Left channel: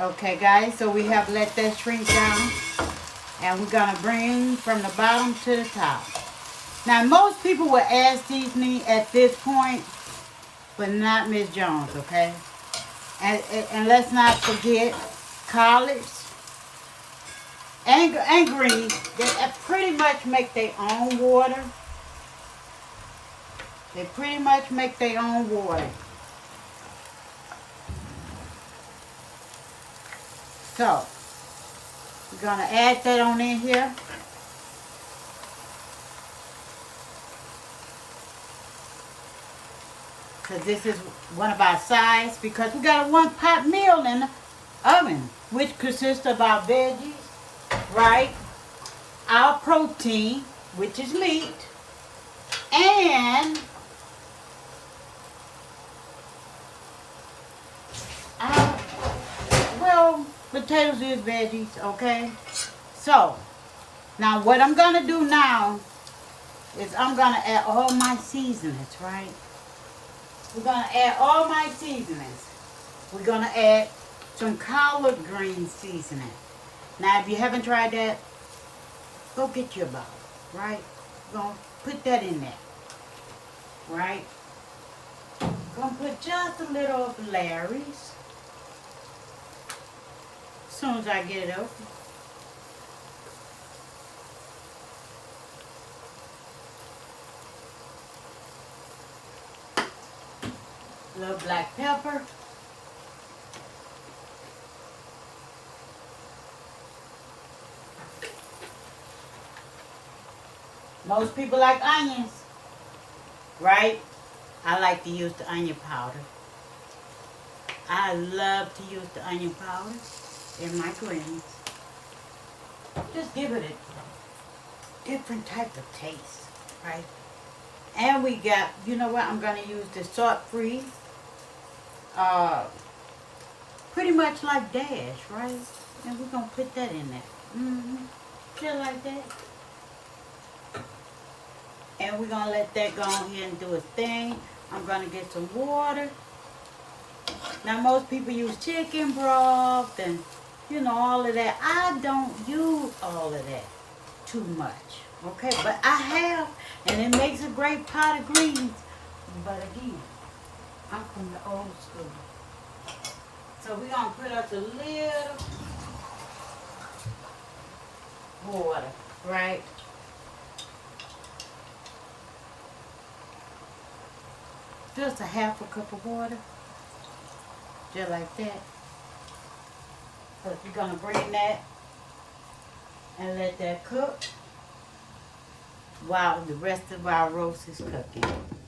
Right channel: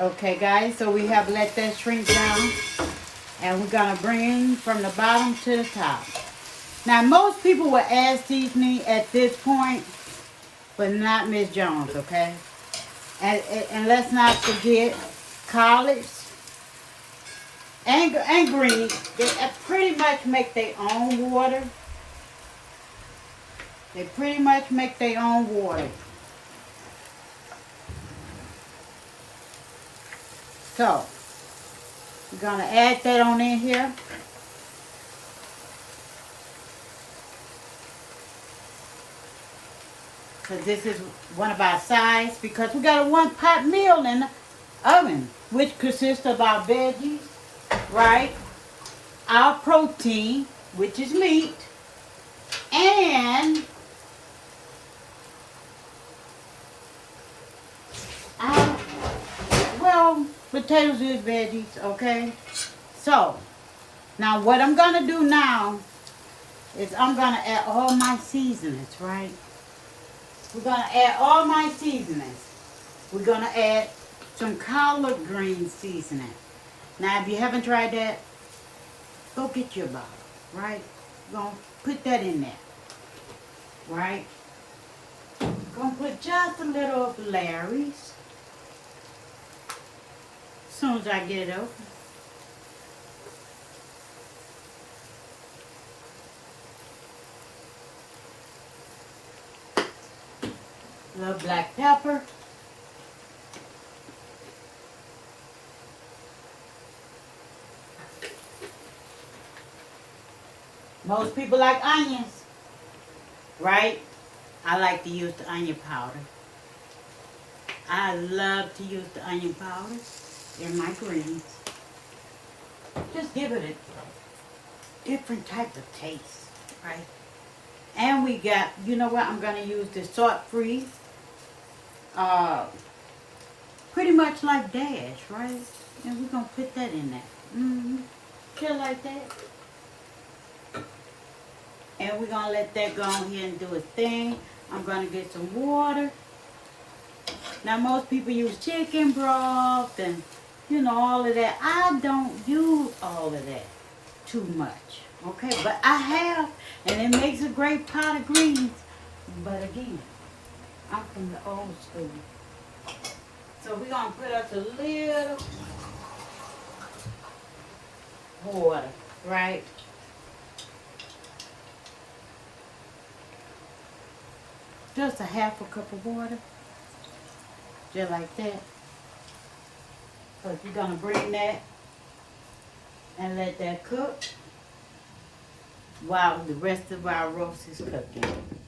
Okay, guys, so we have let that shrink down. And we're going to bring from the bottom to the top. Now, most people will add seasoning at this point, but not Miss Jones, okay? And let's not forget collards and greens. They pretty much make their own water. They pretty much make their own water. So, we're going to add that on in here. Because this is one of our sides. Because we got a 1-pot meal in the oven. Which consists of our veggies, right? Our protein, which is meat. And our, well, potatoes is veggies, okay? So, now what I'm going to do now is I'm going to add all my seasonings, right? We're going to add all my seasonings. We're going to add some collard green seasoning. Now, if you haven't tried that, go get your bottle, right? We're going to put that in there, right? Going to put just a little of Larry's. As soon as I get it open. A little black pepper. Most people like onions, right? I like to use the onion powder. I love to use the onion powder in my greens. Just give it a different type of taste, right? And we got, you know what, I'm going to use the salt-free. Pretty much like Dash, right? And we're going to put that in there. Kill like that. And we're going to let that go ahead and do its thing. I'm going to get some water. Now, most people use chicken broth and, you know, all of that. I don't use all of that too much, okay? But I have, and it makes a great pot of greens. But again, I'm from the old school. So we're going to put up a little water, right? Just a half a cup of water. Just like that. Because we're going to bring that and let that cook while the rest of our roast is cooking.